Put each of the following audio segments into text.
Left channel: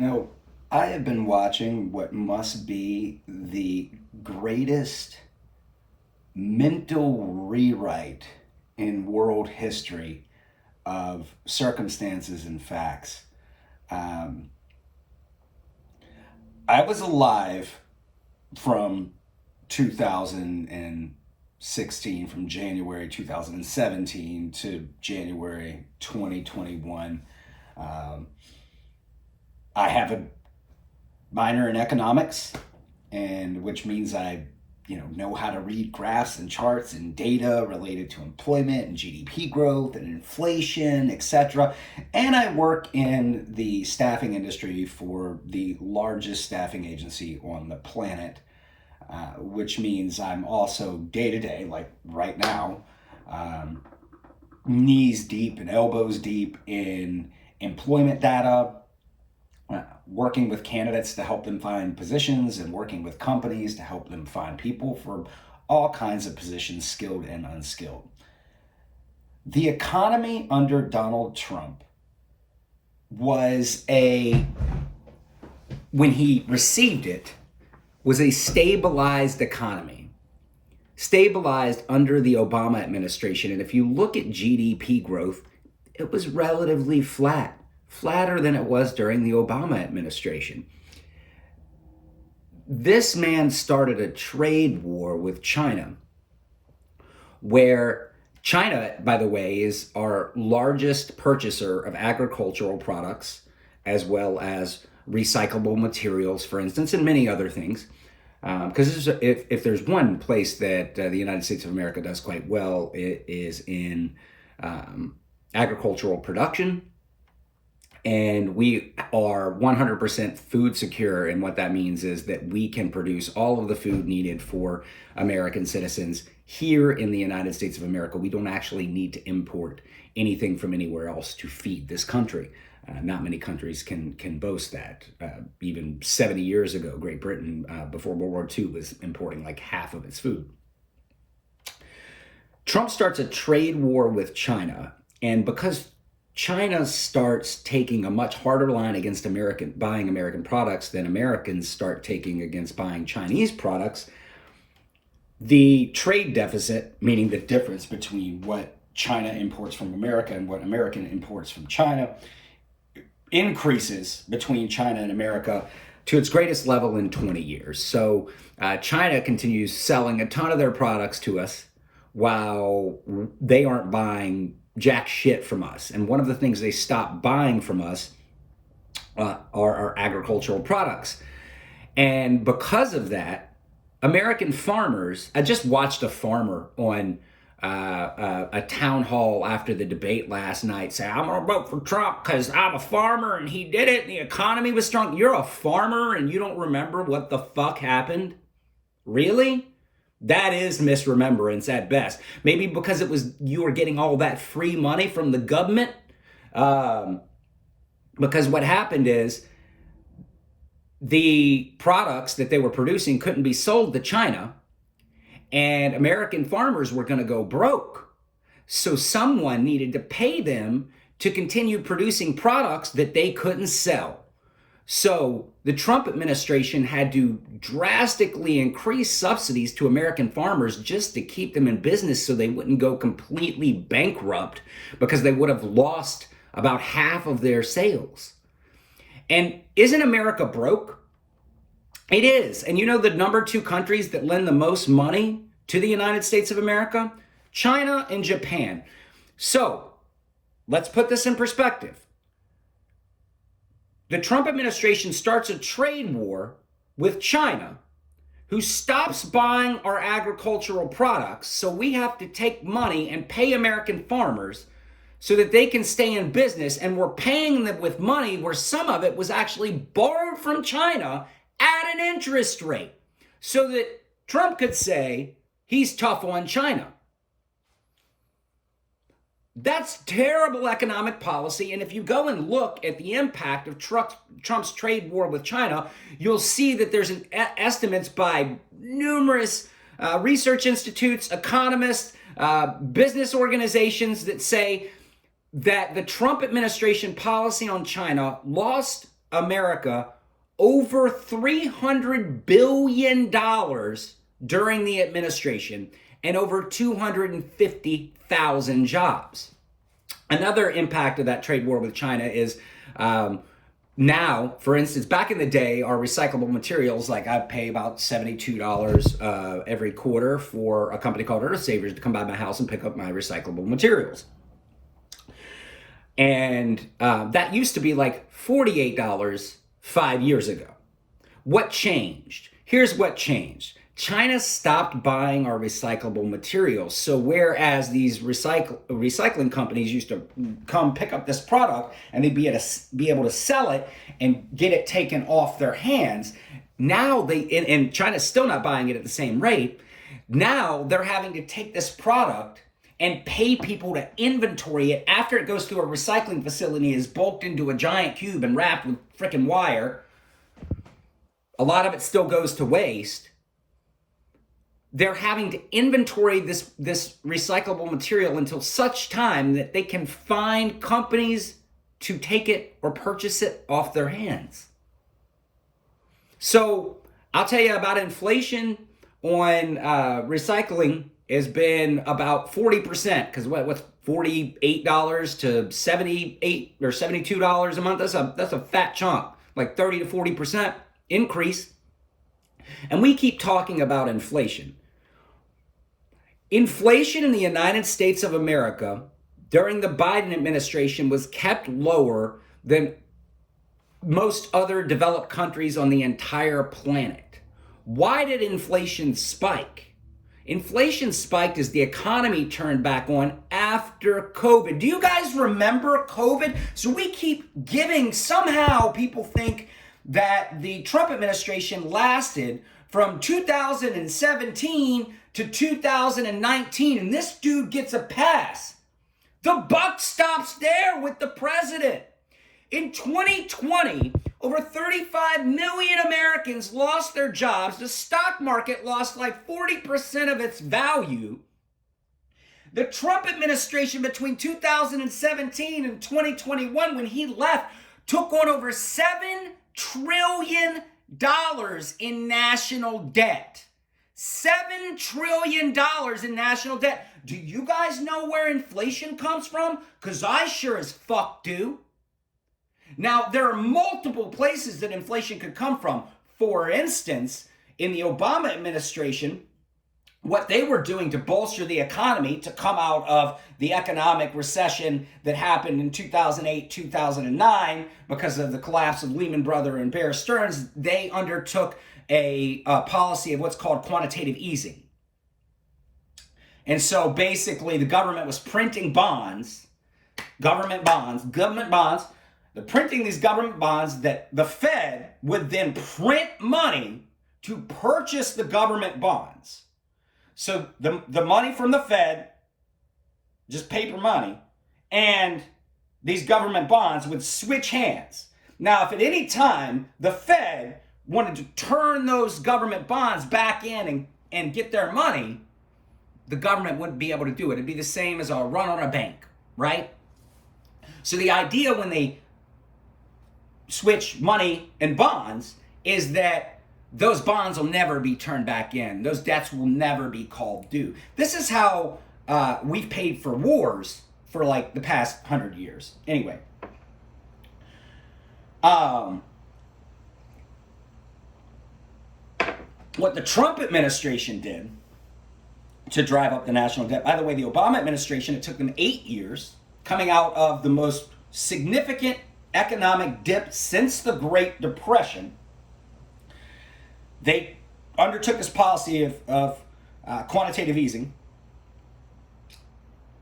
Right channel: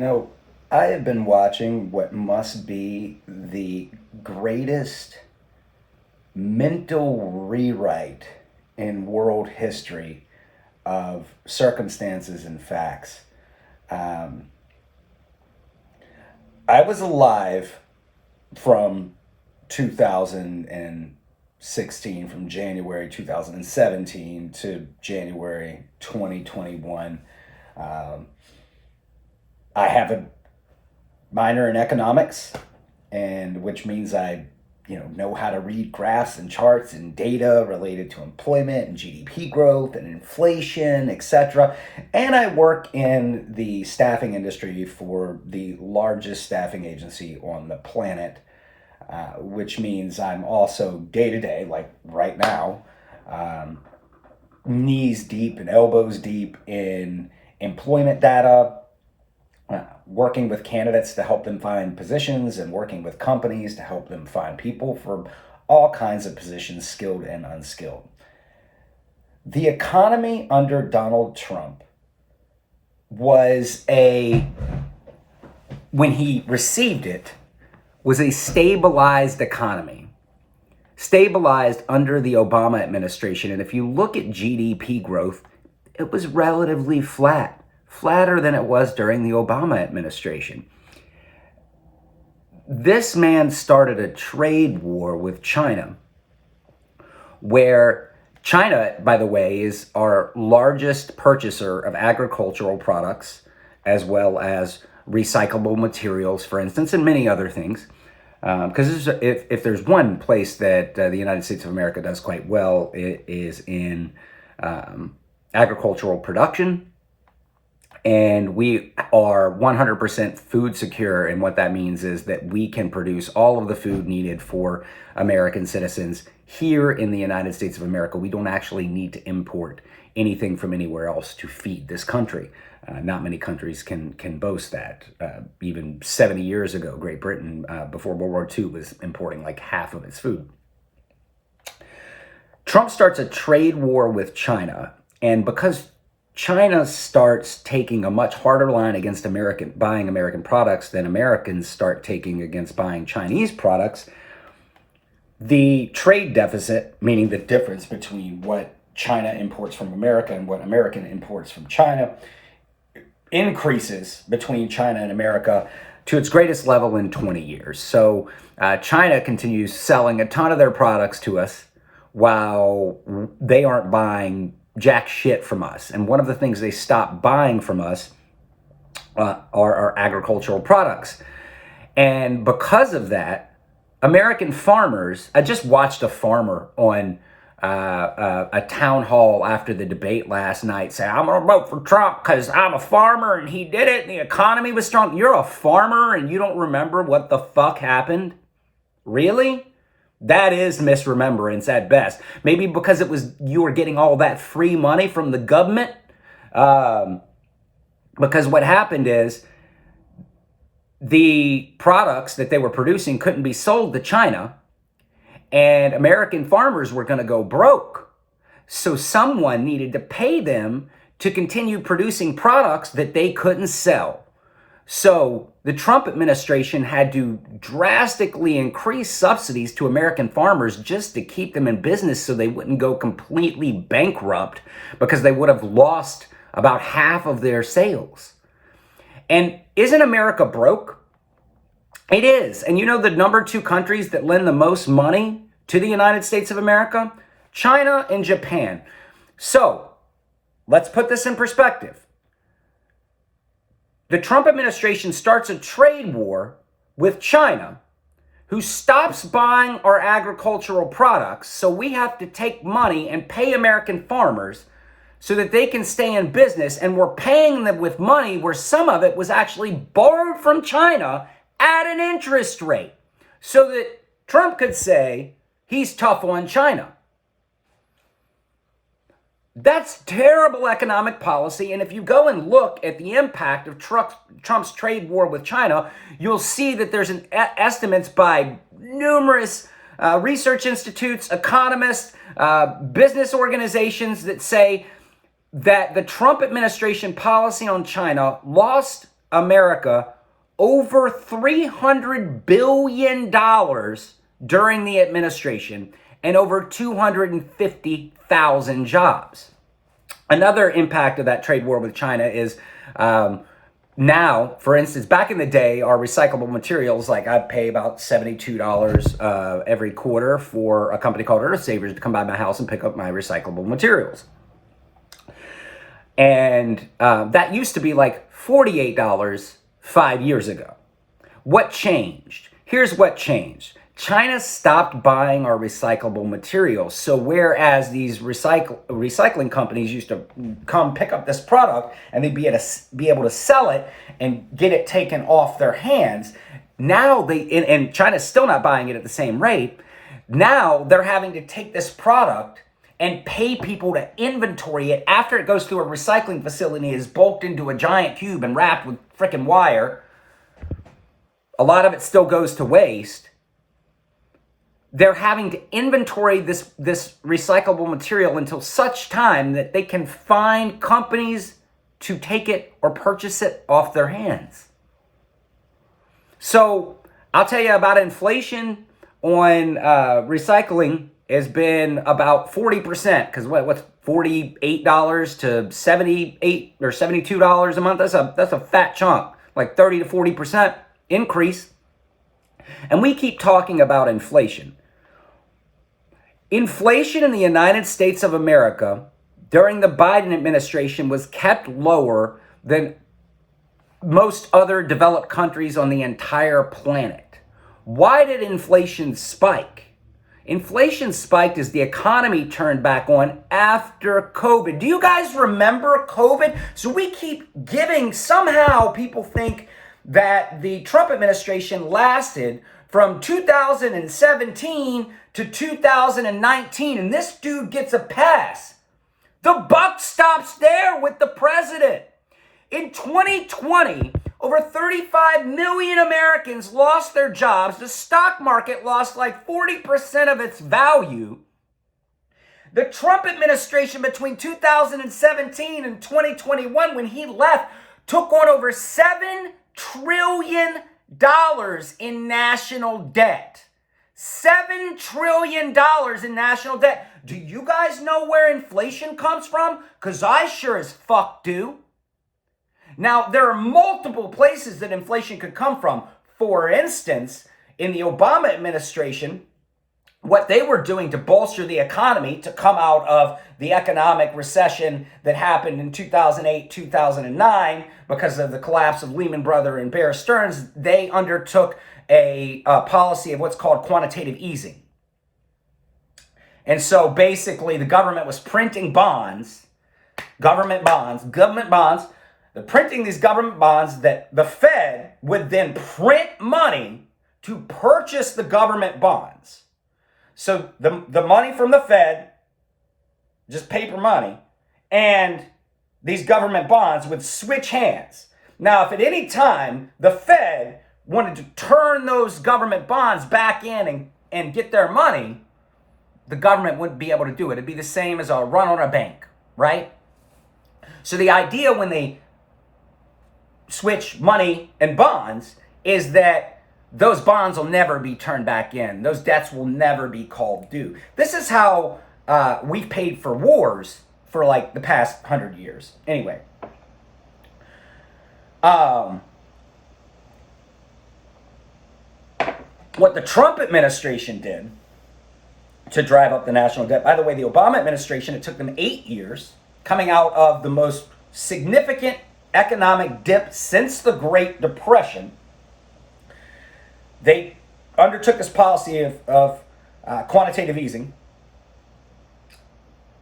You know, I have been watching what must be the greatest mental rewrite in world history of circumstances and facts. Um, I was alive from 2016, from January 2017 to January 2021. Um, I have a minor in economics, and which means I, know how to read graphs and charts and data related to employment and GDP growth and inflation, etc. And I work in the staffing industry for the largest staffing agency on the planet, which means I'm also day to day, like right now, um, knees deep and elbows deep in employment data, working with candidates to help them find positions and working with companies to help them find people for all kinds of positions, skilled and unskilled. The economy under Donald Trump was when he received it, was a stabilized economy, stabilized under the Obama administration. And if you look at GDP growth, it was relatively flatter than it was during the Obama administration. This man started a trade war with China, where China, by the way, is our largest purchaser of agricultural products, as well as recyclable materials, for instance, and many other things. Because if there's one place that the United States of America does quite well, it is in agricultural production. And we are 100% food secure. And what that means is that we can produce all of the food needed for American citizens here in the United States of America. We don't actually need to import anything from anywhere else to feed this country. Not many countries can boast that. Even 70 years ago, Great Britain, before World War II, was importing like half of its food. Trump starts a trade war with China, and because China starts taking a much harder line against buying American products than Americans start taking against buying Chinese products, the trade deficit, meaning the difference between what China imports from America and what American imports from China, increases between China and America to its greatest level in 20 years. So China continues selling a ton of their products to us while they aren't buying jack shit from us. And one of the things they stopped buying from us are our agricultural products. And because of that, American farmers, I just watched a farmer on a town hall after the debate last night say, I'm going to vote for Trump because I'm a farmer and he did it and the economy was strong. You're a farmer and you don't remember what the fuck happened? Really? That is misremembrance at best. Maybe because you were getting all that free money from the government. Because what happened is the products that they were producing couldn't be sold to China, and American farmers were going to go broke. So someone needed to pay them to continue producing products that they couldn't sell. So the Trump administration had to drastically increase subsidies to American farmers just to keep them in business so they wouldn't go completely bankrupt, because they would have lost about half of their sales. And isn't America broke? It is. And you know the number 2 countries that lend the most money to the United States of America? China and Japan. So let's put this in perspective. The Trump administration starts a trade war with China, who stops buying our agricultural products, so we have to take money and pay American farmers so that they can stay in business, and we're paying them with money where some of it was actually borrowed from China at an interest rate, so that Trump could say he's tough on China. That's terrible economic policy. And if you go and look at the impact of Trump's trade war with China, you'll see that there's estimates by numerous research institutes, economists, business organizations that say that the Trump administration policy on China lost America over $300 billion during the administration and over 250,000 jobs. Another impact of that trade war with China is now, for instance, back in the day, our recyclable materials, like I pay about $72 every quarter for a company called Earth Savers to come by my house and pick up my recyclable materials. And that used to be like $48 5 years ago. What changed? Here's what changed. China stopped buying our recyclable materials. So whereas these recycling companies used to come pick up this product and they'd be able to sell it and get it taken off their hands, now and China's still not buying it at the same rate. Now they're having to take this product and pay people to inventory it after it goes through a recycling facility, is bulked into a giant cube and wrapped with freaking wire. A lot of it still goes to waste. They're having to inventory this recyclable material until such time that they can find companies to take it or purchase it off their hands. So I'll tell you about inflation on recycling has been about 40%, because what's $48 to $78 or $72 a month? That's a fat chunk, like 30 to 40% increase. And we keep talking about inflation. Inflation in the United States of America during the Biden administration was kept lower than most other developed countries on the entire planet. Why did inflation spike? Inflation spiked as the economy turned back on after COVID. Do you guys remember COVID? So we keep giving, somehow people think that the Trump administration lasted from 2017 to 2019, and this dude gets a pass. The buck stops there with the president. In 2020, over 35 million Americans lost their jobs. The stock market lost like 40% of its value. The Trump administration between 2017 and 2021, when he left, took on over $7 trillion in national debt. $7 trillion in national debt. Do you guys know where inflation comes from? Because I sure as fuck do. Now, there are multiple places that inflation could come from. For instance, in the Obama administration, what they were doing to bolster the economy to come out of the economic recession that happened in 2008, 2009, because of the collapse of Lehman Brothers and Bear Stearns, they undertook a policy of what's called quantitative easing. And so basically the government was printing bonds, government bonds, they're printing these government bonds that the Fed would then print money to purchase the government bonds. So the money from the Fed, just paper money, and these government bonds would switch hands. Now, if at any time the Fed wanted to turn those government bonds back in and get their money, the government wouldn't be able to do it. It'd be the same as a run on a bank, right? So the idea when they switch money and bonds is that those bonds will never be turned back in. Those debts will never be called due. This is how we've paid for wars for like the past 100 years. Anyway. What the Trump administration did to drive up the national debt, by the way, the Obama administration, it took them 8 years coming out of the most significant economic dip since the Great Depression. They undertook this policy of quantitative easing.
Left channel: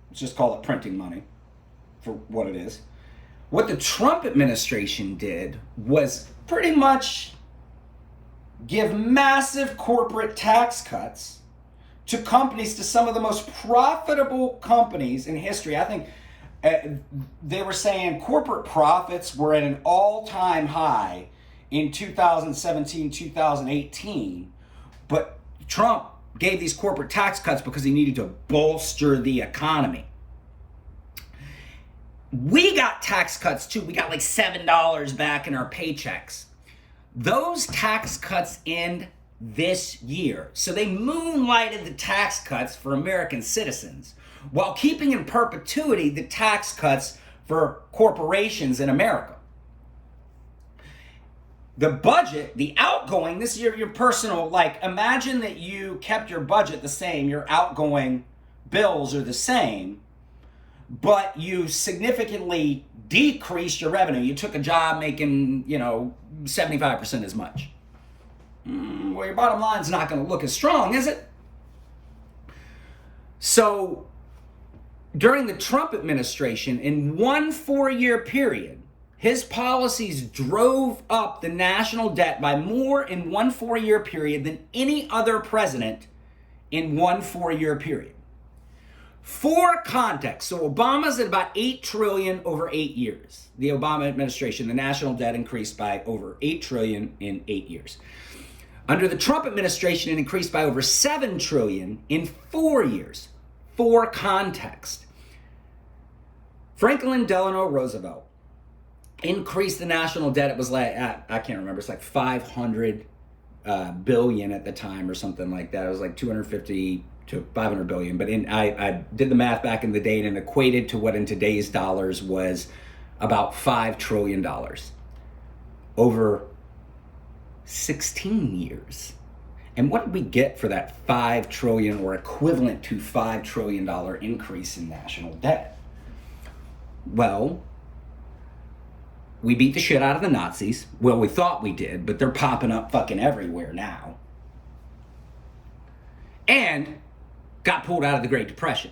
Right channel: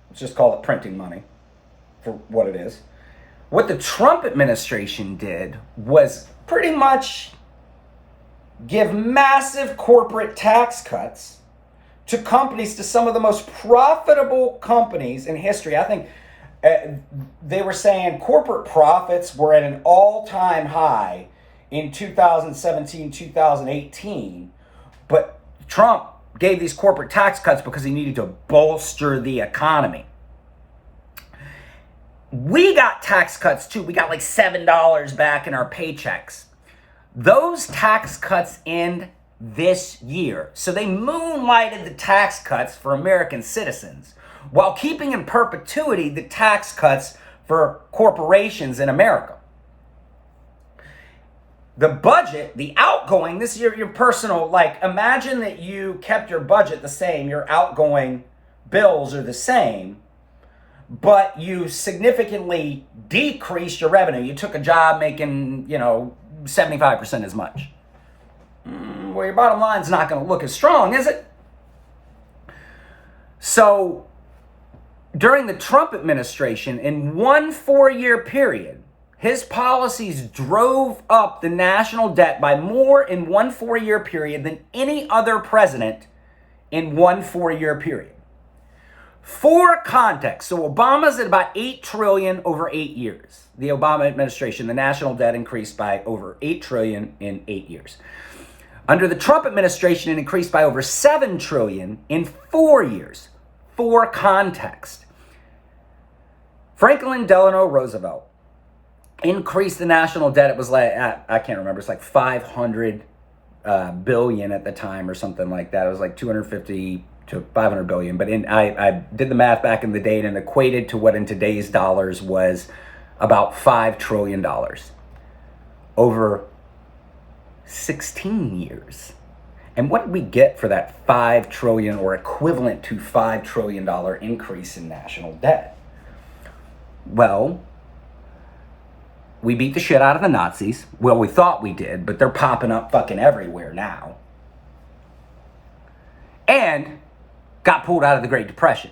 Let's just call it printing money for what it is. What the Trump administration did was pretty much give massive corporate tax cuts to companies, to some of the most profitable companies in history. I think they were saying corporate profits were at an all-time high in 2017, 2018, but Trump gave these corporate tax cuts because he needed to bolster the economy. we got tax cuts too. We got like $7 back in our paychecks. Those tax cuts end this year. So they moonlighted the tax cuts for American citizens while keeping in perpetuity the tax cuts for corporations in America. The budget, the outgoing, this is your personal, like imagine that you kept your budget the same, your outgoing bills are the same, but you significantly decreased your revenue. You took a job making, 75% as much. Well, your bottom line's not going to look as strong, is it? So during the Trump administration, in one 4-year period, his policies drove up the national debt by more in one 4-year period than any other president in one 4-year period. For context, so Obama's at about $8 trillion over 8 years. The Obama administration, the national debt increased by over $8 trillion in 8 years. Under the Trump administration, it increased by over $7 trillion in 4 years. For context, Franklin Delano Roosevelt increased the national debt. It was like, I can't remember, it's like 500 billion at the time or something like that. It was like 250 to 500 billion. But I did the math back in the day and it equated to what in today's dollars was about $5 trillion over 16 years. And what did we get for that $5 trillion or equivalent to $5 trillion increase in national debt? Well, we beat the shit out of the Nazis. Well, we thought we did, but they're popping up fucking everywhere now. And got pulled out of the Great Depression.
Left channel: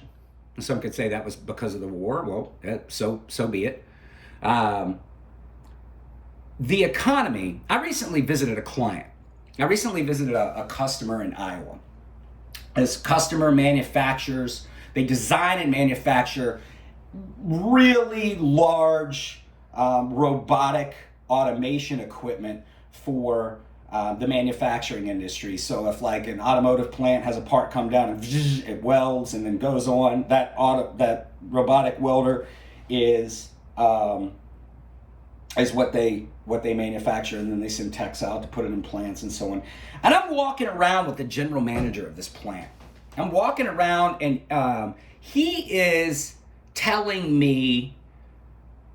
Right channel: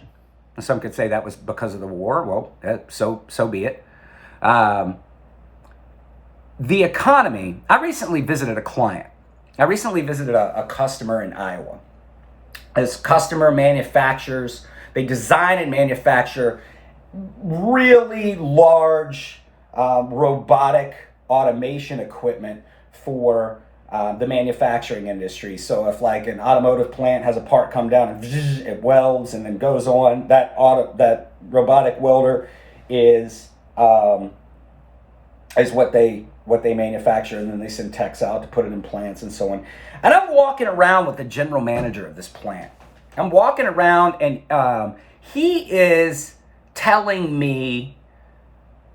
And some could say that was because of the war. Well, so be it. The economy, I recently visited a client. I recently visited a customer in Iowa. This customer manufactures, they design and manufacture really large robotic automation equipment for the manufacturing industry. So if like an automotive plant has a part come down and it welds and then goes on, that robotic welder is what they manufacture, and then they send techs out to put it in plants and so on. And I'm walking around with the general manager of this plant. I'm walking around and he is telling me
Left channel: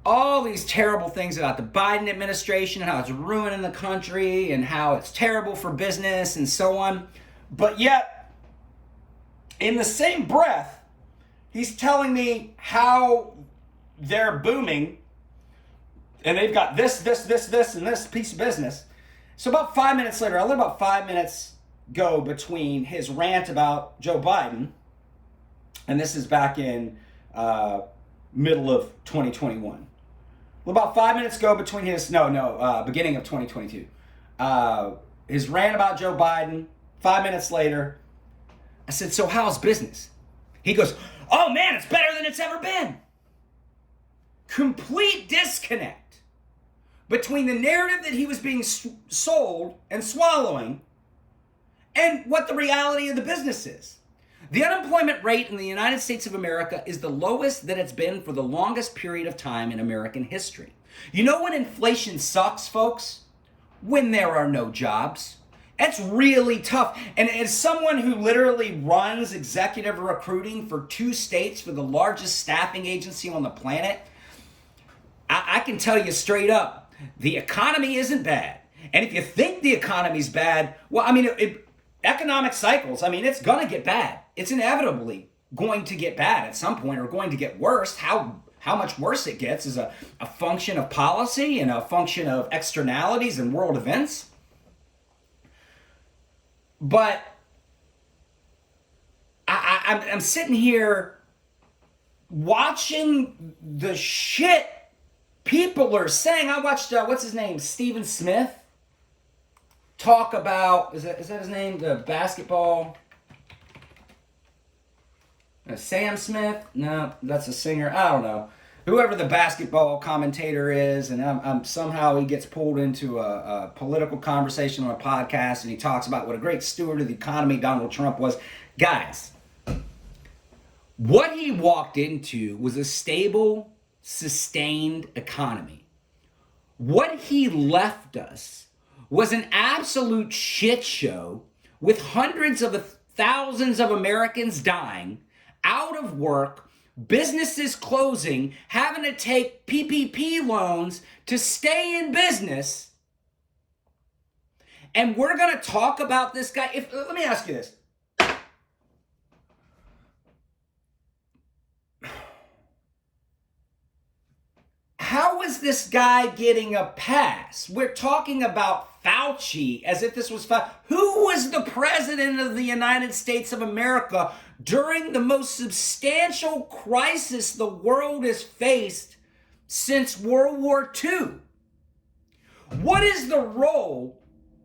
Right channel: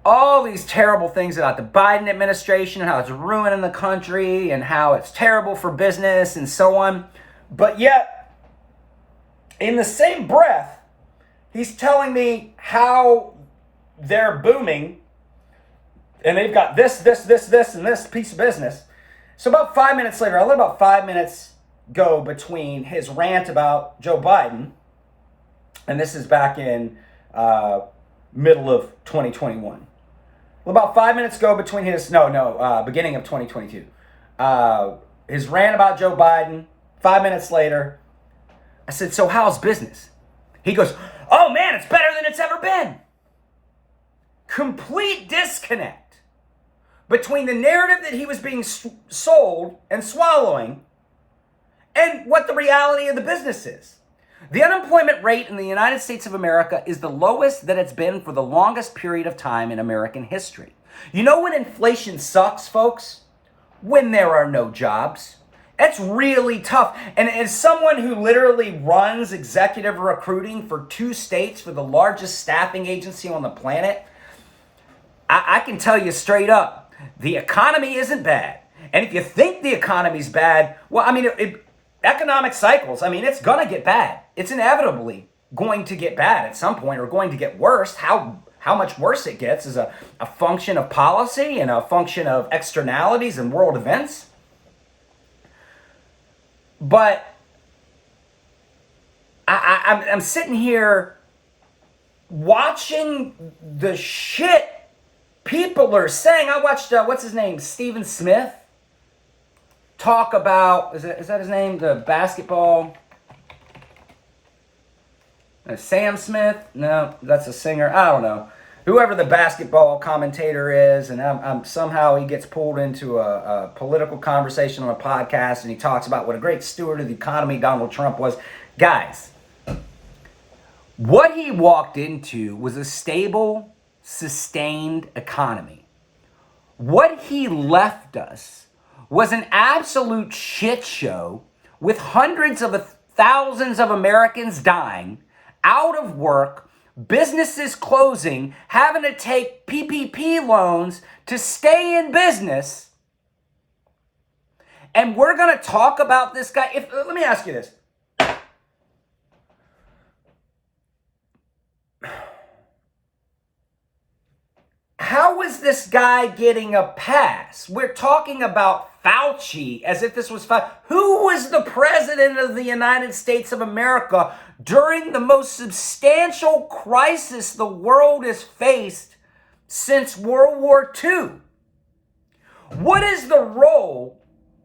all these terrible things about the Biden administration and how it's ruining the country and how it's terrible for business and so on. But yet, in the same breath, he's telling me how they're booming and they've got this, and this piece of business. So about 5 minutes later, I let about 5 minutes go between his rant about Joe Biden, and this is back in middle of 2021. Well, about 5 minutes go between beginning of 2022. His rant about Joe Biden, 5 minutes later, I said, so how's business? He goes, oh man, it's better than it's ever been. Complete disconnect between the narrative that he was being sold and swallowing and what the reality of the business is. The unemployment rate in the United States of America is the lowest that it's been for the longest period of time in American history. You know when inflation sucks, folks? When there are no jobs. It's really tough. And as someone who literally runs executive recruiting for 2 states for the largest staffing agency on the planet, I can tell you straight up, the economy isn't bad. And if you think the economy's bad, well, I mean, economic cycles, I mean, it's going to get bad. It's inevitably going to get bad at some point or going to get worse. How much worse it gets is a function of policy and a function of externalities and world events. But I'm sitting here watching the shit people are saying. I watched, what's his name? Stephen Smith talk about, is that his name? The basketball, Sam Smith? No, that's a singer. I don't know. Whoever the basketball commentator is, and I'm somehow he gets pulled into a political conversation on a podcast, and he talks about what a great steward of the economy Donald Trump was. Guys, what he walked into was a stable self-sustained economy. What he left us was an absolute shit show with hundreds of thousands of Americans dying, out of work, businesses closing, having to take PPP loans to stay in business. And we're going to talk about this guy. Let me ask you this. How is this guy getting a pass? We're talking about Fauci as if this was Fauci. Who was the president of the United States of America during the most substantial crisis the world has faced since World War II? What is the role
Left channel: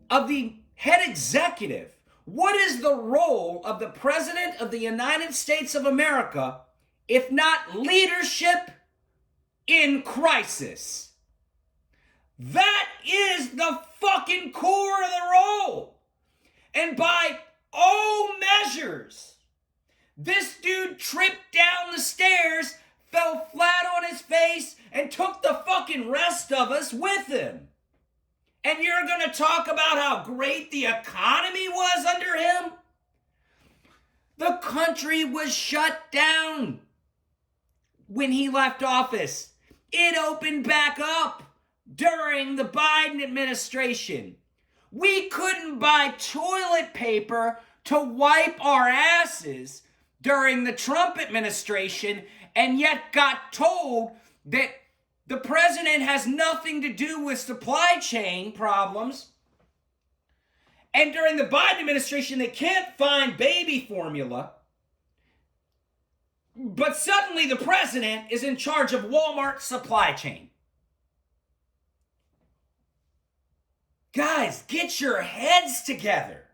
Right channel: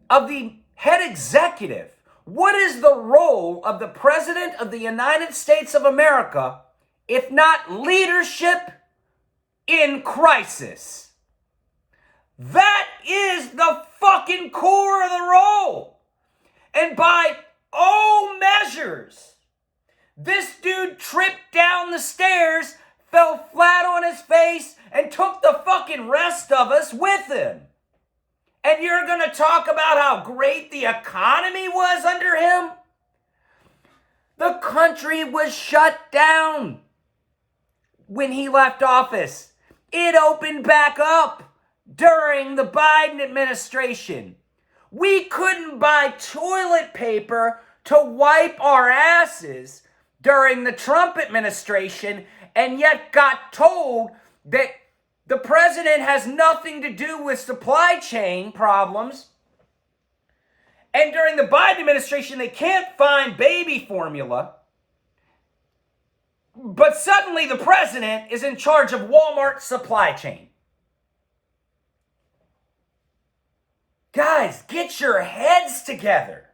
of the head executive? What is the role of the president of the United States of America, if not leadership in crisis? That is the fucking core of the role. And by all measures, this dude tripped down the stairs, fell flat on his face, and took the fucking rest of us with him. And you're going to talk about how great the economy was under him? The country was shut down when he left office. It opened back up during the Biden administration. We couldn't buy toilet paper to wipe our asses during the Trump administration, and yet got told that the president has nothing to do with supply chain problems. And during the Biden administration, they can't find baby formula. But suddenly the president is in charge of Walmart's supply chain. Guys, get your heads together.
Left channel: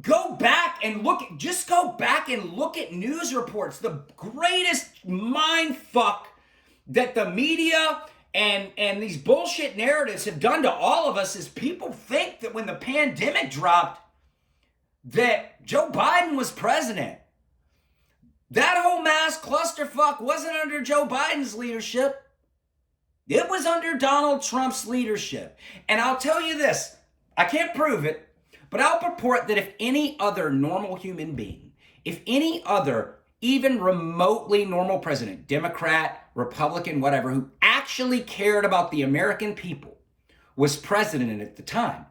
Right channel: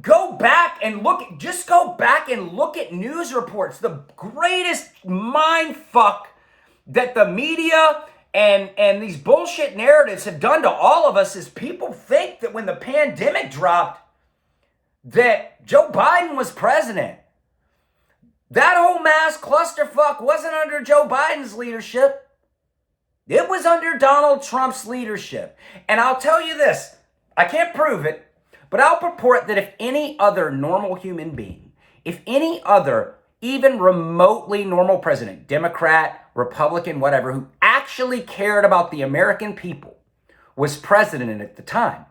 Go back and look at news reports. The greatest mind fuck that the media and these bullshit narratives have done to all of us is people think that when the pandemic dropped, that Joe Biden was president. That whole mass clusterfuck wasn't under Joe Biden's leadership. It was under Donald Trump's leadership. And I'll tell you this, I can't prove it, but I'll purport that if any other normal human being, if any other even remotely normal president, Democrat, Republican, whatever, who actually cared about the American people was president at the time,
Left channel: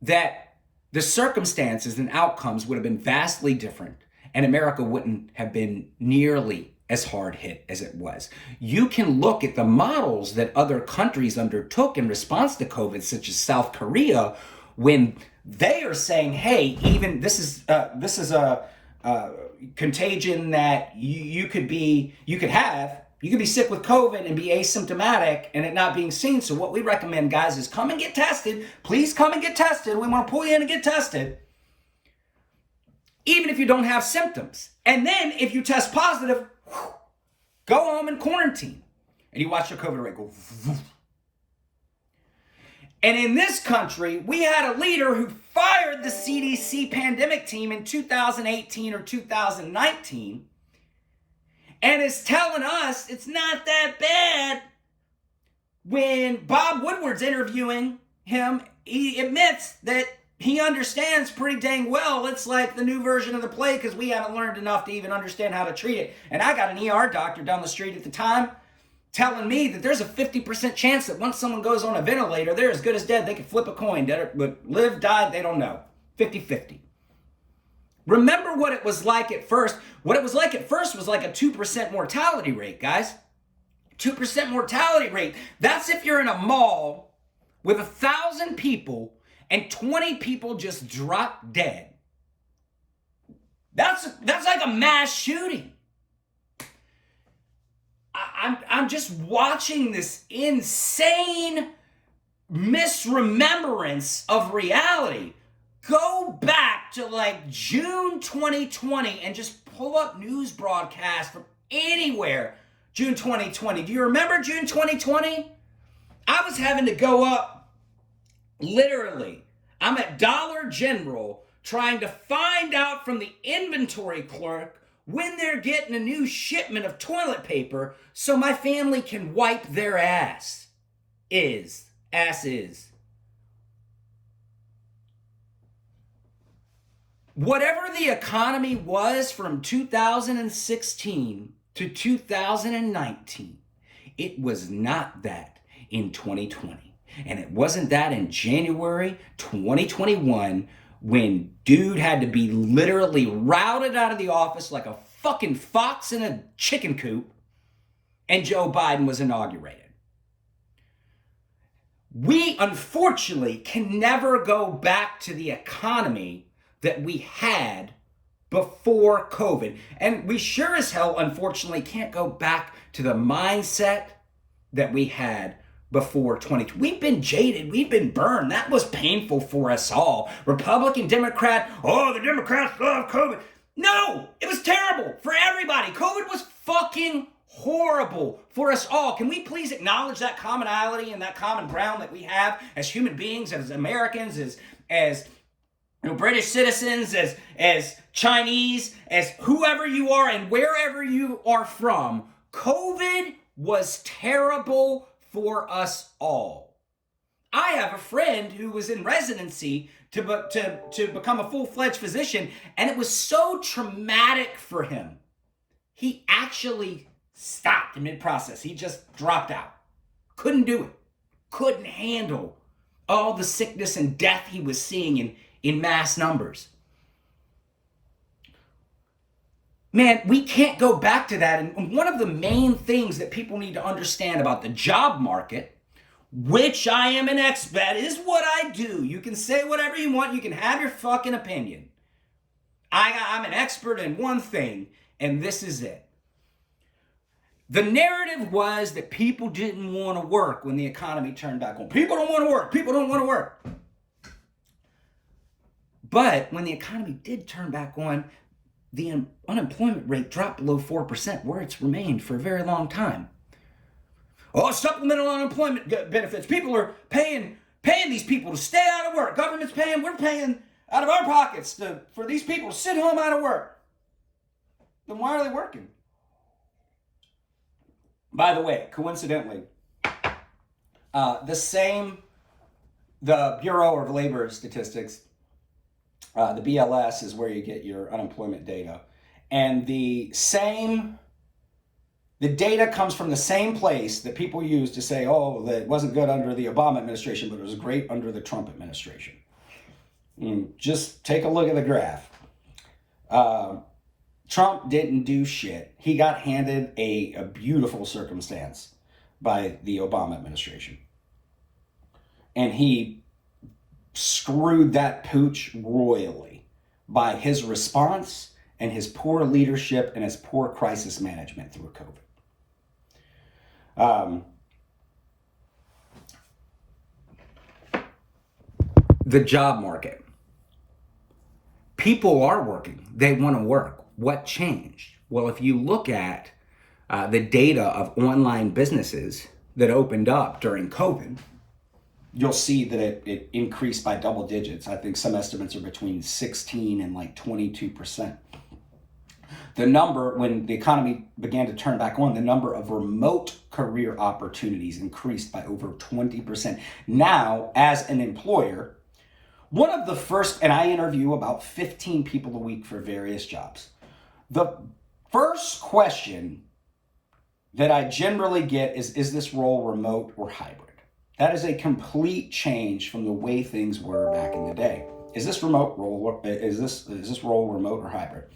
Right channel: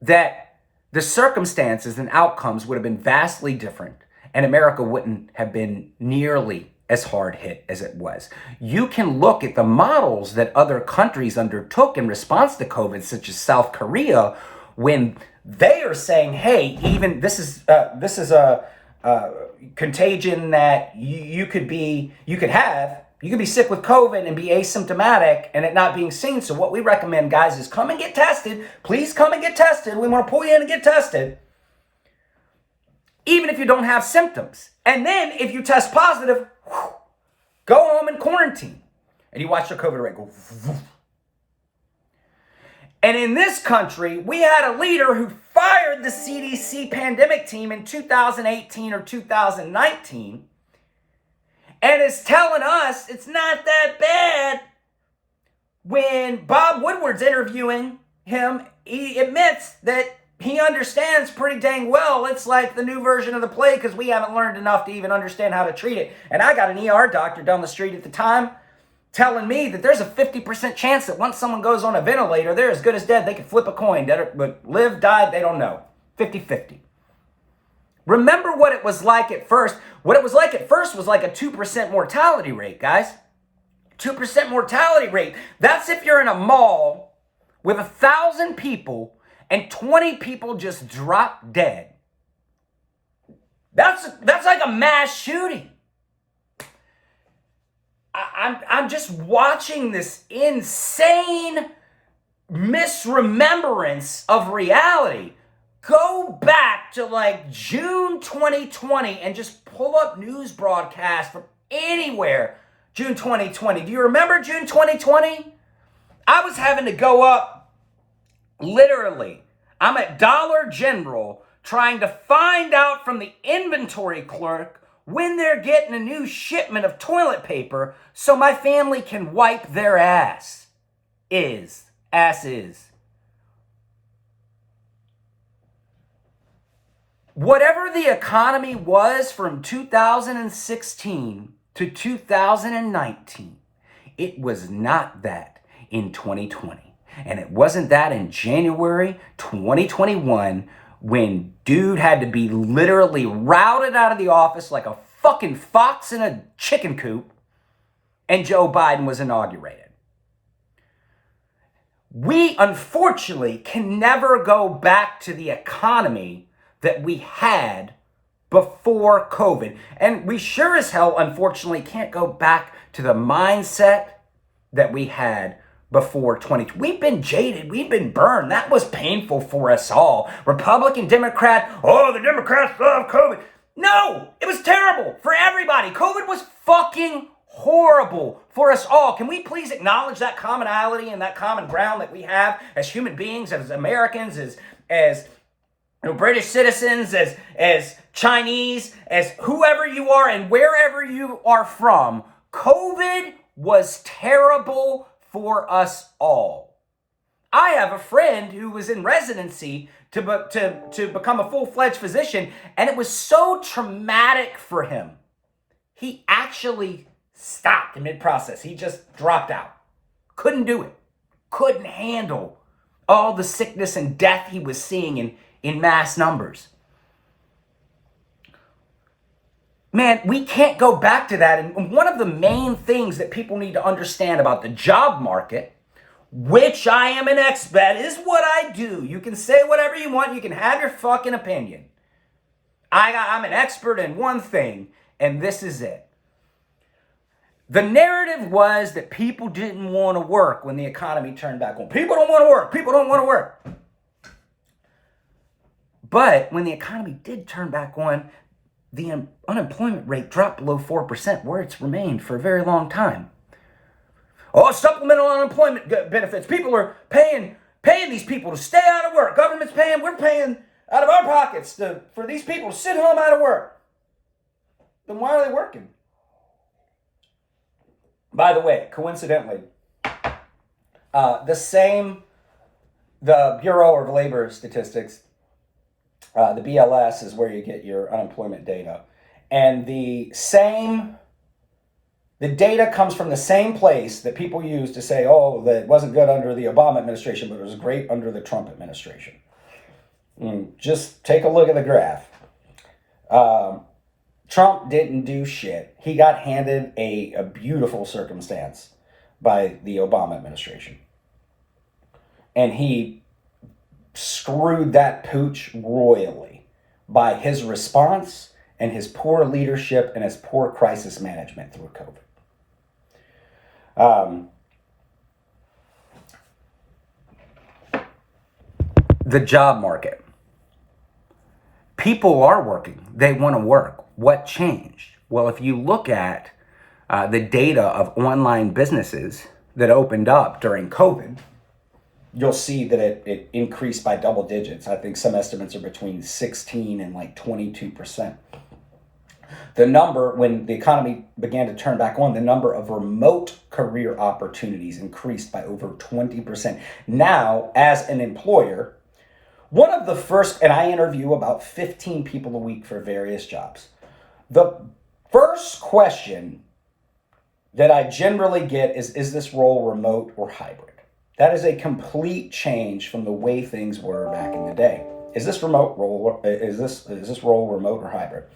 that the circumstances and outcomes would have been vastly different, and America wouldn't have been nearly as hard hit as it was. You can look at the models that other countries undertook in response to COVID, such as South Korea, when they are saying, hey, even this is a contagion that you could be sick with COVID and be asymptomatic and it not being seen. So what we recommend, guys, is come and get tested. Please come and get tested. We want to pull you in and get tested, even if you don't have symptoms. And then if you test positive, go home and quarantine. And you watch your COVID rate go. And in this country, we had a leader who fired the CDC pandemic team in 2018 or 2019 and is telling us it's not that bad. When Bob Woodward's interviewing him, he admits that he understands pretty dang well it's like the new version of the plague because we haven't learned enough to even understand how to treat it. And I got an ER doctor down the street at the time telling me that there's a 50% chance that once someone goes on a ventilator, they're as good as dead. They can flip a coin. But live, die, they don't know. 50-50. Remember what it was like at first. What it was like at first was like a 2% mortality rate, guys. 2% mortality rate. That's if you're in a mall with 1,000 people and 20 people just drop dead. That's like a mass shooting. I'm just watching this insane misremembrance of reality. Go back to like June 2020 and just pull up news broadcasts from anywhere. June 2020. Do you remember June 2020? I was having to go up, literally. I'm at Dollar General trying to find out from the inventory clerk when they're getting a new shipment of toilet paper so my family can wipe their ass. Ass is. Whatever the economy was from 2016 to 2019, it was not that in 2020. And it wasn't that in January 2021 when dude had to be literally routed out of the office like a fucking fox in a chicken coop and Joe Biden was inaugurated. We unfortunately can never go back to the economy that we had before COVID. And we sure as hell, unfortunately, can't go back to the mindset that we had before 2020. We've been jaded. We've been burned. That was painful for us all. Republican, Democrat, oh, the Democrats love COVID. No, it was terrible for everybody. COVID was fucking horrible for us all. Can we please acknowledge that commonality and that common ground that we have as human beings, as Americans, as British citizens, as Chinese, as whoever you are and wherever you are from? COVID was terrible for us all. I have a friend who was in residency to become a full-fledged physician, and it was so traumatic for him. He actually stopped in mid-process. He just dropped out. Couldn't do it. Couldn't handle all the sickness and death he was seeing in mass numbers. Man, we can't go back to that. And one of the main things that people need to understand about the job market, which I am an expert, is what I do. You can say whatever you want. You can have your fucking opinion. I'm an expert in one thing, and this is it. The narrative was that people didn't want to work when the economy turned back on. People don't want to work. People don't want to work. But when the economy did turn back on, the unemployment rate dropped below 4%, where it's remained for a very long time. Oh, supplemental unemployment benefits. People are paying these people to stay out of work. Government's paying, we're paying out of our pockets for these people to sit home out of work. Then why are they working? By the way, coincidentally, the Bureau of Labor Statistics, the BLS is where you get your unemployment data. And the data comes from the same place that people use to say, oh, that wasn't good under the Obama administration, but it was great under the Trump administration. Just take a look at the graph. Trump didn't do shit. He got handed a beautiful circumstance by the Obama administration. And he screwed that pooch royally by his response and his poor leadership and his poor crisis management through COVID. The job market. People are working. They want to work. What changed? Well, if you look at the data of online businesses that opened up during COVID, you'll see that it increased by double digits. I think some estimates are between 16 and like 22%. The number, when the economy began to turn back on, the number of remote career opportunities increased by over 20%. Now, as an employer, one of the first, and I interview about 15 people a week for various jobs. The first question that I generally get is this role remote or hybrid? That is a complete change from the way things were back in the day. Is this role remote or hybrid?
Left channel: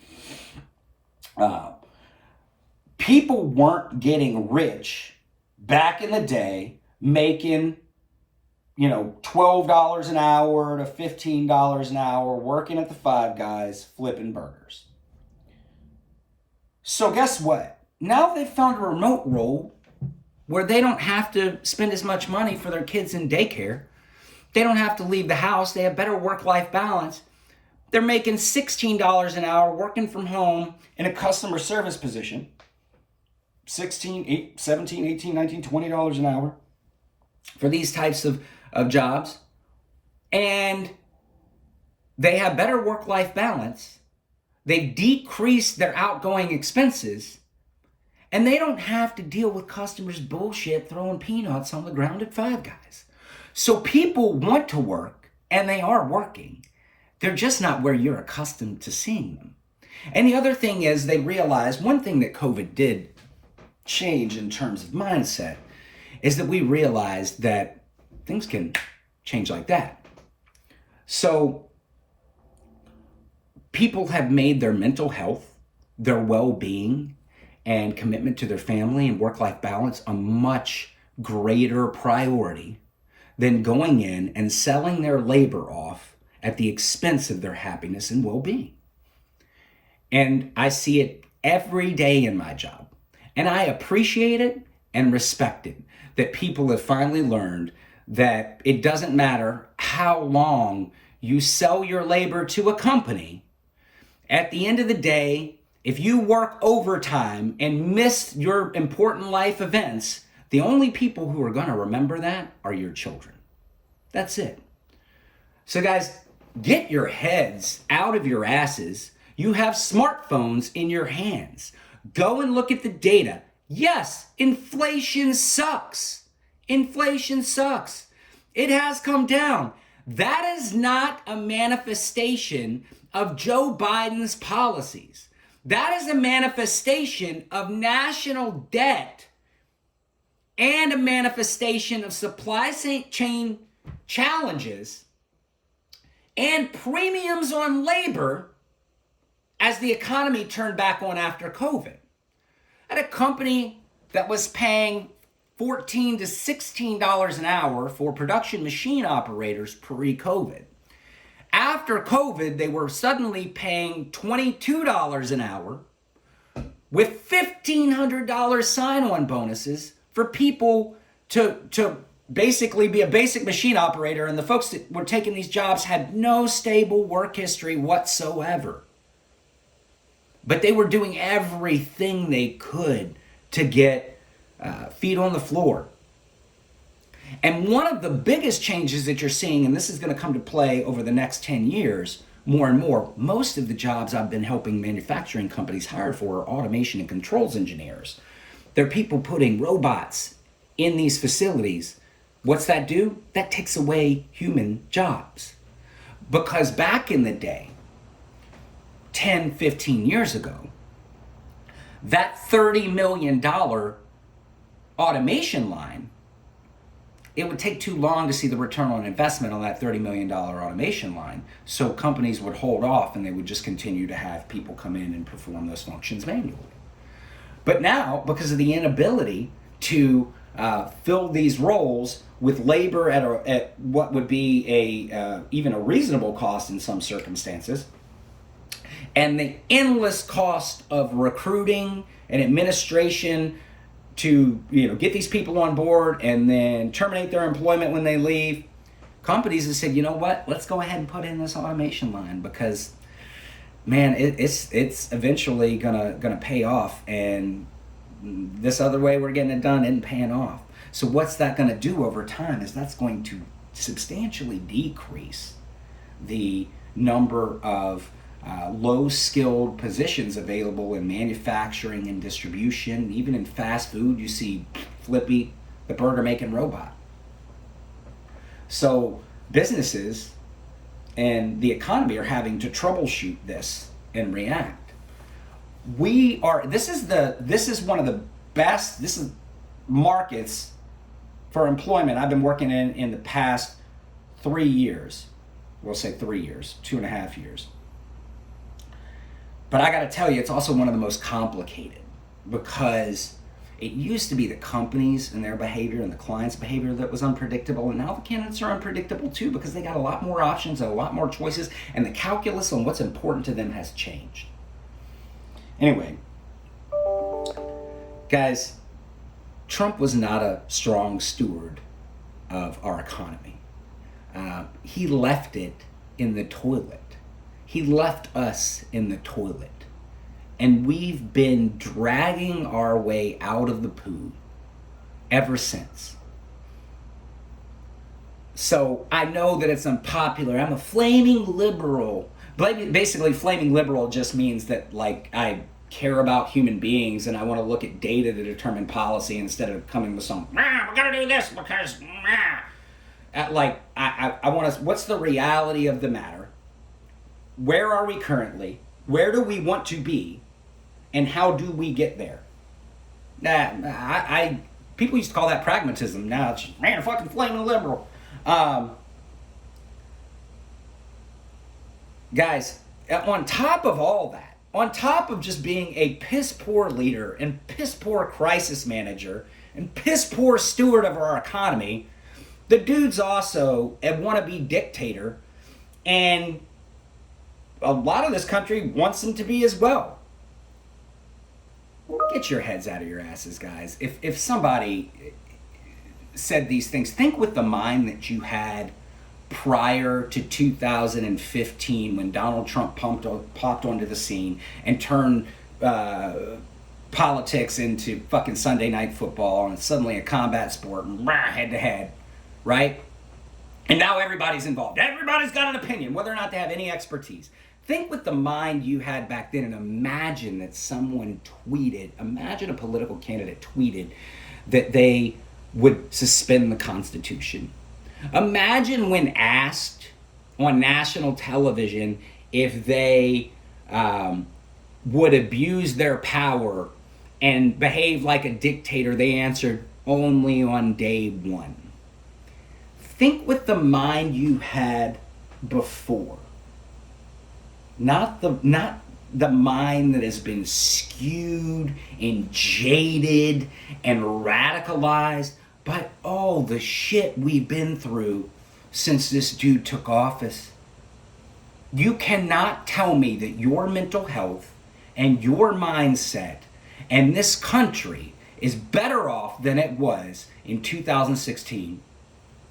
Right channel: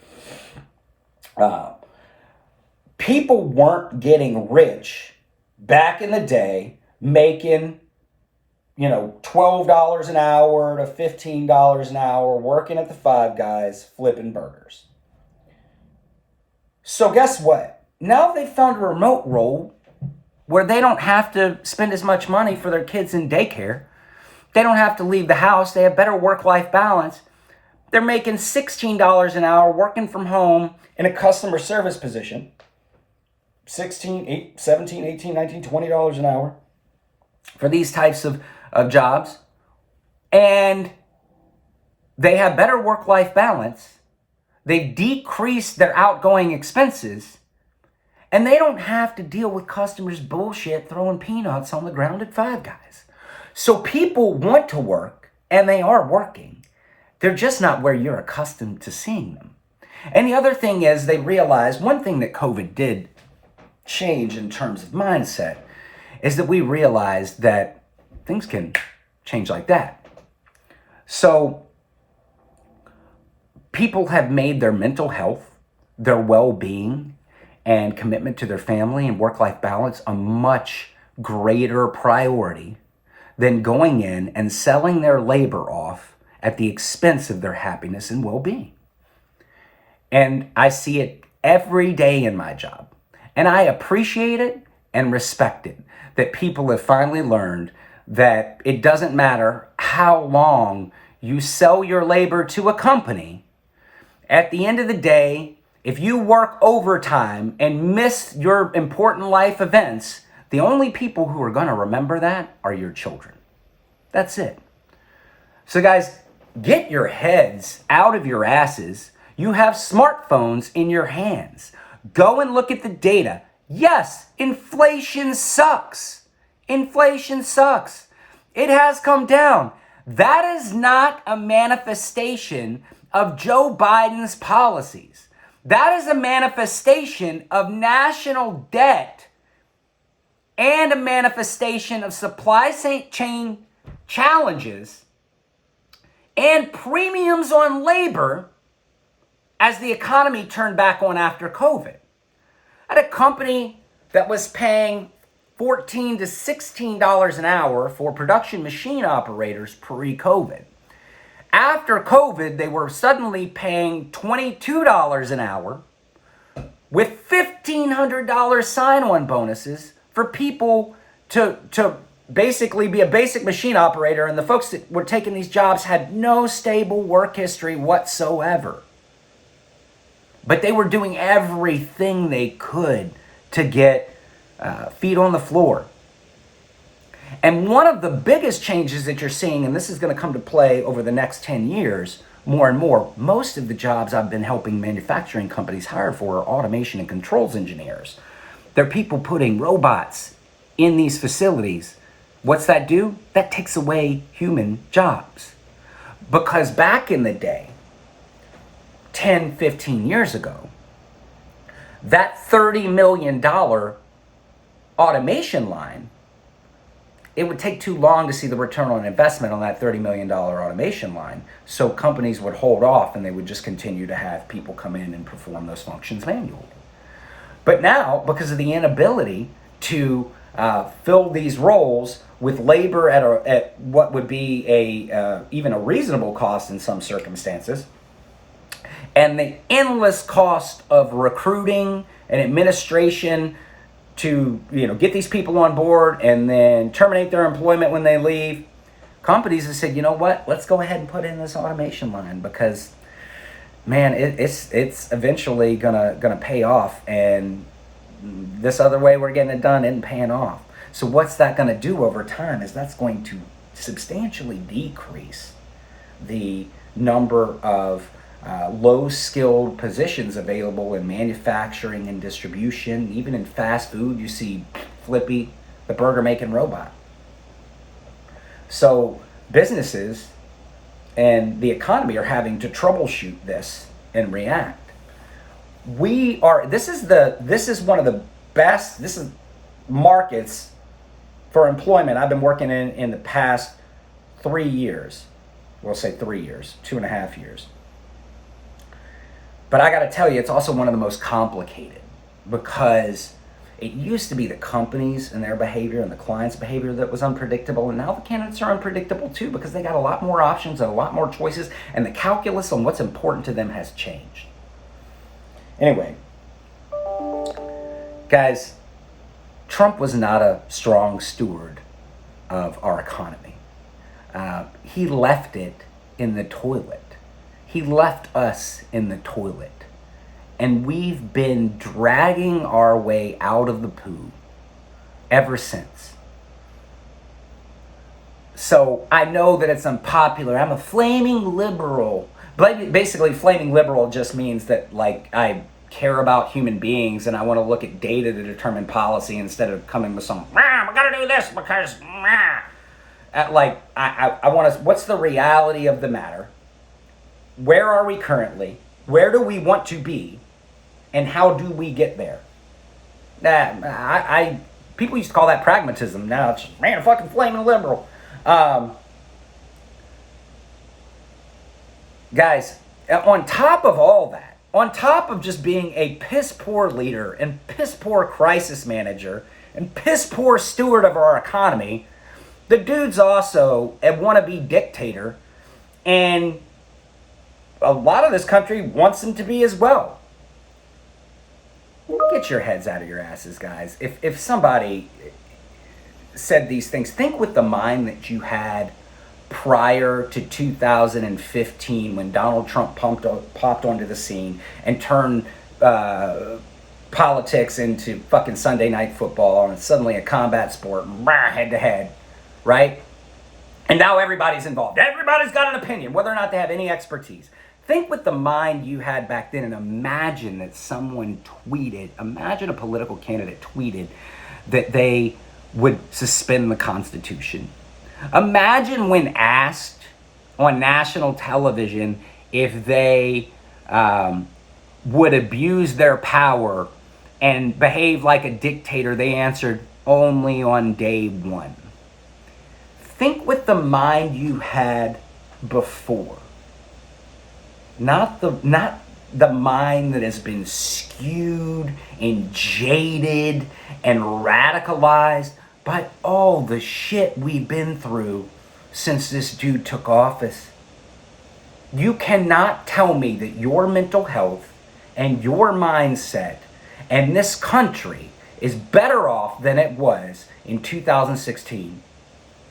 People weren't getting rich back in the day making, $12 an hour to $15 an hour, working at the Five Guys, flipping burgers. So guess what? Now they've found a remote role where they don't have to spend as much money for their kids in daycare. They don't have to leave the house. They have better work-life balance. They're making $16 an hour working from home in a customer service position. $16, $17, $18, $19, $20 an hour for these types of jobs. And they have better work-life balance. They decrease their outgoing expenses, and they don't have to deal with customers' bullshit throwing peanuts on the ground at Five Guys. So people want to work, and they are working. They're just not where you're accustomed to seeing them. And the other thing is, they realize one thing that COVID did change in terms of mindset is that we realized that things can change like that. So people have made their mental health, their well-being, and commitment to their family and work-life balance a much greater priority than going in and selling their labor off at the expense of their happiness and well-being. And I see it every day in my job. And I appreciate it and respect it, that people have finally learned that it doesn't matter how long you sell your labor to a company. At the end of the day, if you work overtime and miss your important life events, the only people who are going to remember that are your children. That's it. So guys, get your heads out of your asses. You have smartphones in your hands. Go and look at the data. Yes, inflation sucks. Inflation sucks. It has come down. That is not a manifestation of Joe Biden's policies. That is a manifestation of national debt and a manifestation of supply chain challenges and premiums on labor as the economy turned back on after COVID. I had a company that was paying $14 to $16 an hour for production machine operators pre-COVID. After COVID, they were suddenly paying $22 an hour with $1,500 sign-on bonuses for people to basically be a basic machine operator, and the folks that were taking these jobs had no stable work history whatsoever. But they were doing everything they could to get feet on the floor. And one of the biggest changes that you're seeing, and this is going to come to play over the next 10 years, more and more, most of the jobs I've been helping manufacturing companies hire for are automation and controls engineers. They're people putting robots in these facilities. What's that do? That takes away human jobs. Because back in the day, 10, 15 years ago, that $30 million automation line, it would take too long to see the return on investment on that $30 million automation line. So companies would hold off and they would just continue to have people come in and perform those functions manually. But now, because of the inability to fill these roles with labor at what would be even a reasonable cost in some circumstances, and the endless cost of recruiting and administration to get these people on board and then terminate their employment when they leave, companies have said, you know what, let's go ahead and put in this automation line because, man, it's eventually gonna pay off, and this other way we're getting it done isn't paying off. So what's that gonna do over time is that's going to substantially decrease the number of low-skilled positions available in manufacturing and distribution. Even in fast food, you see Flippy, the burger-making robot. So businesses and the economy are having to troubleshoot this and react. This is one of the best, this is markets for employment I've been working in the past 3 years. We'll say 3 years, 2.5 years. But I got to tell you, it's also one of the most complicated because it used to be the companies and their behavior and the client's behavior that was unpredictable. And now the candidates are unpredictable too because they got a lot more options and a lot more choices, and the calculus on what's important to them has changed. Anyway, guys, Trump was not a strong steward of our economy. He left it in the toilet. He left us in the toilet, and we've been dragging our way out of the poo ever since. So I know that it's unpopular. I'm a flaming liberal, Basically, flaming liberal just means that, like, I care about human beings and I want to look at data to determine policy instead of coming with some, we got to do this because, I want to, what's the reality of the matter? Where are we currently? Where do we want to be? And how do we get there? People used to call that pragmatism. Now it's, man, fucking flaming liberal. Guys, on top of all that, on top of just being a piss poor leader and piss poor crisis manager and piss poor steward of our economy, the dude's also a wannabe dictator, and a lot of this country wants him to be as well. Get your heads out of your asses, guys. If somebody said these things, think with the mind that you had prior to 2015 when Donald Trump popped onto the scene and turned politics into fucking Sunday Night Football, and suddenly a combat sport, head to head, right? And now everybody's involved. Everybody's got an opinion, whether or not they have any expertise. Think with the mind you had back then, and imagine that someone tweeted, imagine a political candidate tweeted that they would suspend the Constitution. Imagine when asked on national television if they would abuse their power and behave like a dictator, they answered only on day one. Think with the mind you had before. Not the mind that has been skewed and jaded and radicalized by all the shit we've been through since this dude took office. You cannot tell me that your mental health and your mindset and this country is better off than it was in 2016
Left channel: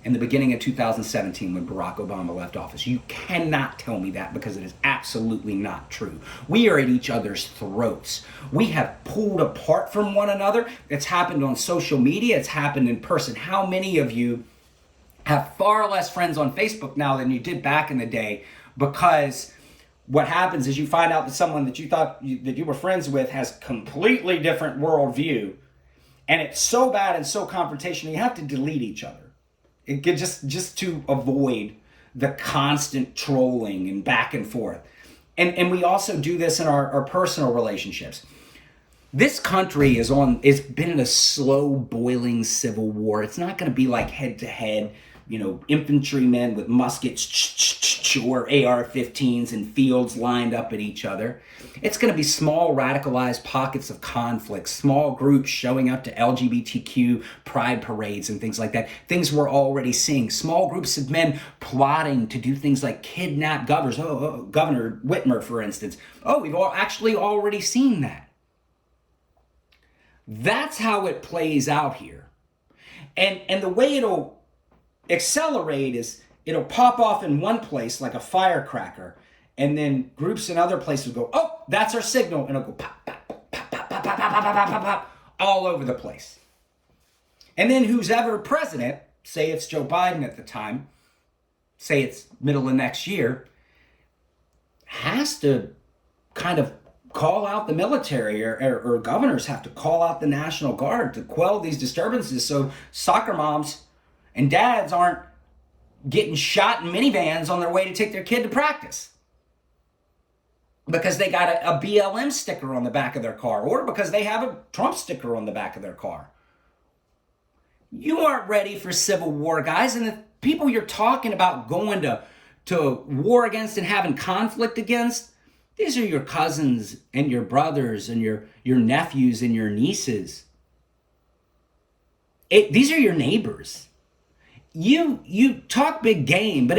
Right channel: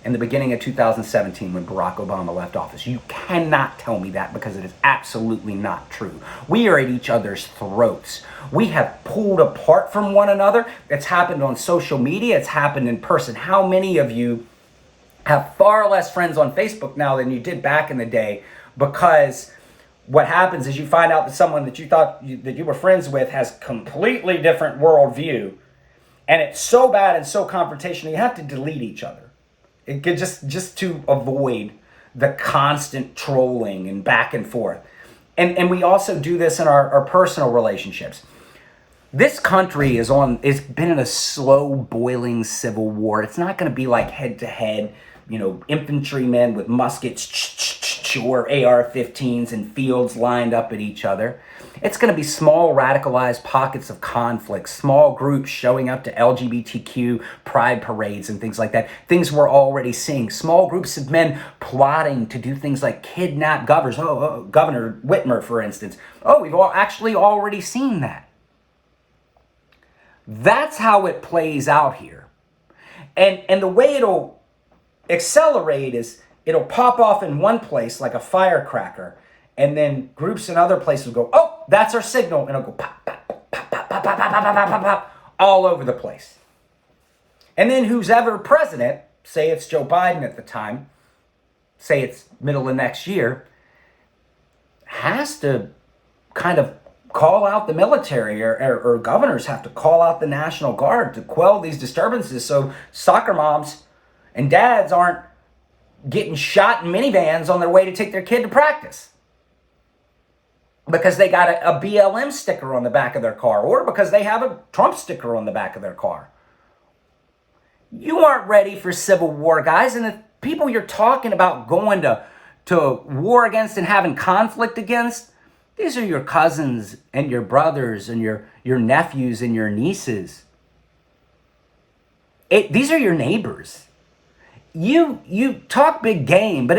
and the beginning of 2017 when Barack Obama left office. You cannot tell me that, because it is absolutely not true. We are at each other's throats. We have pulled apart from one another. It's happened on social media. It's happened in person. How many of you have far less friends on Facebook now than you did back in the day? Because what happens is you find out that someone that you thought that you were friends with has completely different worldview, and it's so bad and so confrontational, you have to delete each other. It could just to avoid the constant trolling and back and forth. And we also do this in our personal relationships. This country it's been in a slow boiling civil war. It's not going to be like head to head, infantrymen with muskets or AR-15s and fields lined up at each other. It's going to be small radicalized pockets of conflict, small groups showing up to LGBTQ pride parades and things like that. Things we're already seeing. Small groups of men plotting to do things like kidnap governors. Governor Whitmer, for instance. We've actually already seen that. That's how it plays out here. And the way it'll accelerate is it'll pop off in one place like a firecracker, and then groups in other places will go, that's our signal, and it'll go pop, pop, pop, pop, pop, pop, pop, pop, pop, pop, pop, all over the place. And then who's ever president, say it's Joe Biden at the time, say it's middle of next year, has to kind of call out the military, or governors have to call out the National Guard to quell these disturbances so soccer moms and dads aren't getting shot in minivans on their way to take their kid to practice because they got a BLM sticker on the back of their car, or because they have a Trump sticker on the back of their car. You aren't ready for civil war, guys. And the people you're talking about going to war against and having conflict against, these are your cousins and your brothers and your nephews and your nieces. These are your neighbors. You talk big game, but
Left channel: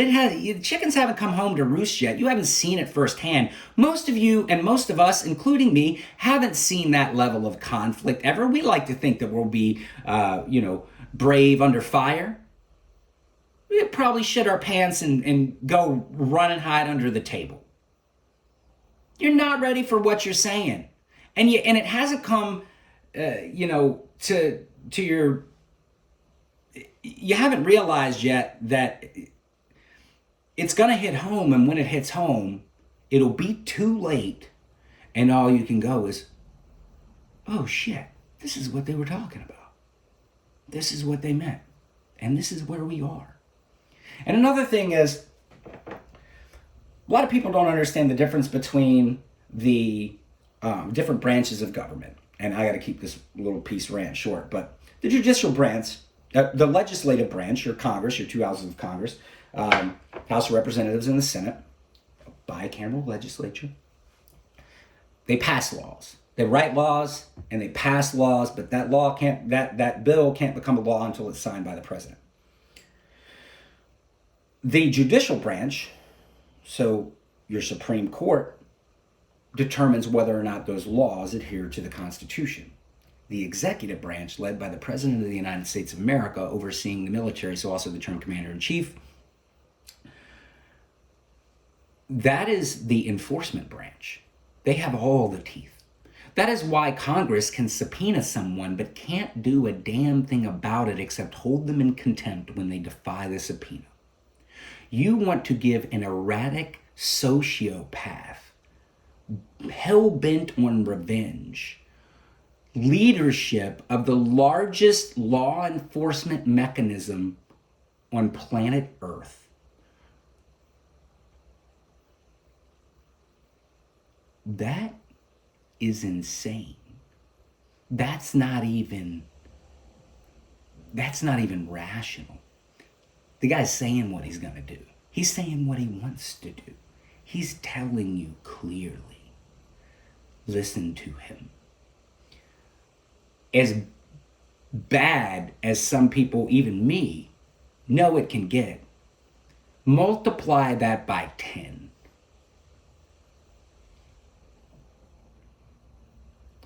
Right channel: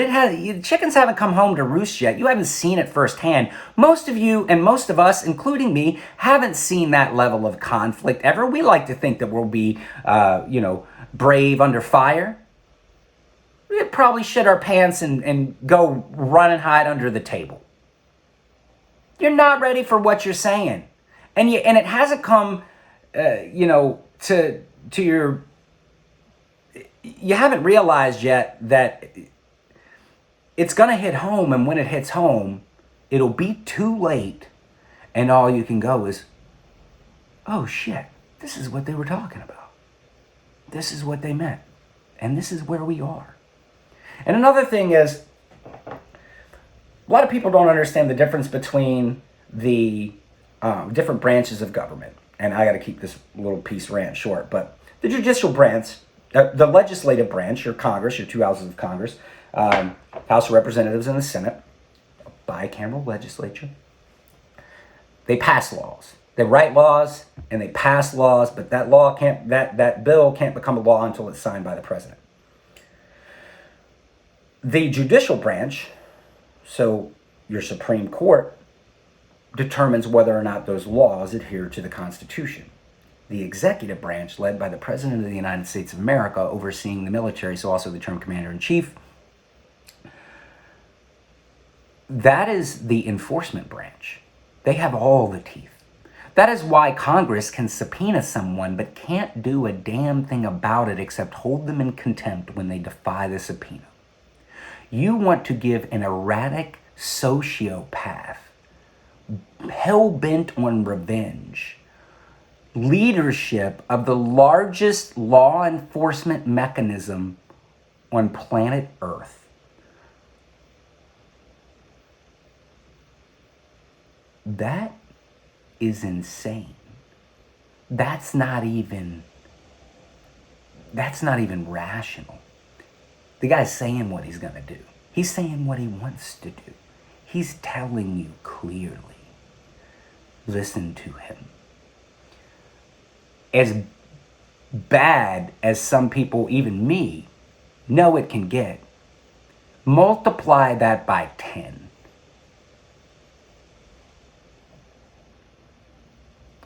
chickens haven't come home to roost yet. You haven't seen it firsthand. Most of you and most of us, including me, haven't seen that level of conflict ever. We like to think that we'll be, brave under fire. We'd probably shit our pants and go run and hide under the table. You're not ready for what you're saying, and it hasn't come, to your. You haven't realized yet that it's going to hit home, and when it hits home, it'll be too late, and all you can go is, oh shit, this is what they were talking about. This is what they meant. And this is where we are. And another thing is, a lot of people don't understand the difference between the different branches of government. And I got to keep this little piece rant short, but the judicial branch, the legislative branch, your Congress, your two houses of Congress, House of Representatives and the Senate, a bicameral legislature, they pass laws. They write laws and they pass laws, but that bill can't become a law until it's signed by the president. The judicial branch, so your Supreme Court, determines whether or not those laws adhere to the Constitution. The executive branch, led by the President of the United States of America, overseeing the military, so also the term commander-in-chief, that is the enforcement branch. They have all the teeth. That is why Congress can subpoena someone but can't do a damn thing about it except hold them in contempt when they defy the subpoena. You want to give an erratic sociopath, hell-bent on revenge, leadership of the largest law enforcement mechanism on planet Earth. That is insane. That's not even rational. The guy's saying what he's going to do. He's saying what he wants to do. He's telling you clearly. Listen to him. As bad as some people, even me, know it can get, multiply that by 10.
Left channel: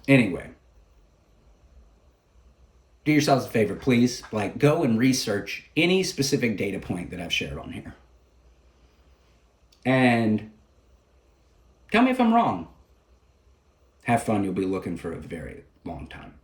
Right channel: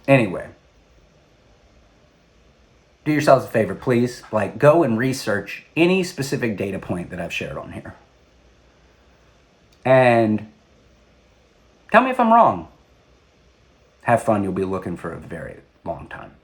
Anyway, do yourselves a favor, please. Go and research any specific data point that I've shared on here. And tell me if I'm wrong. Have fun. You'll be looking for a very long time.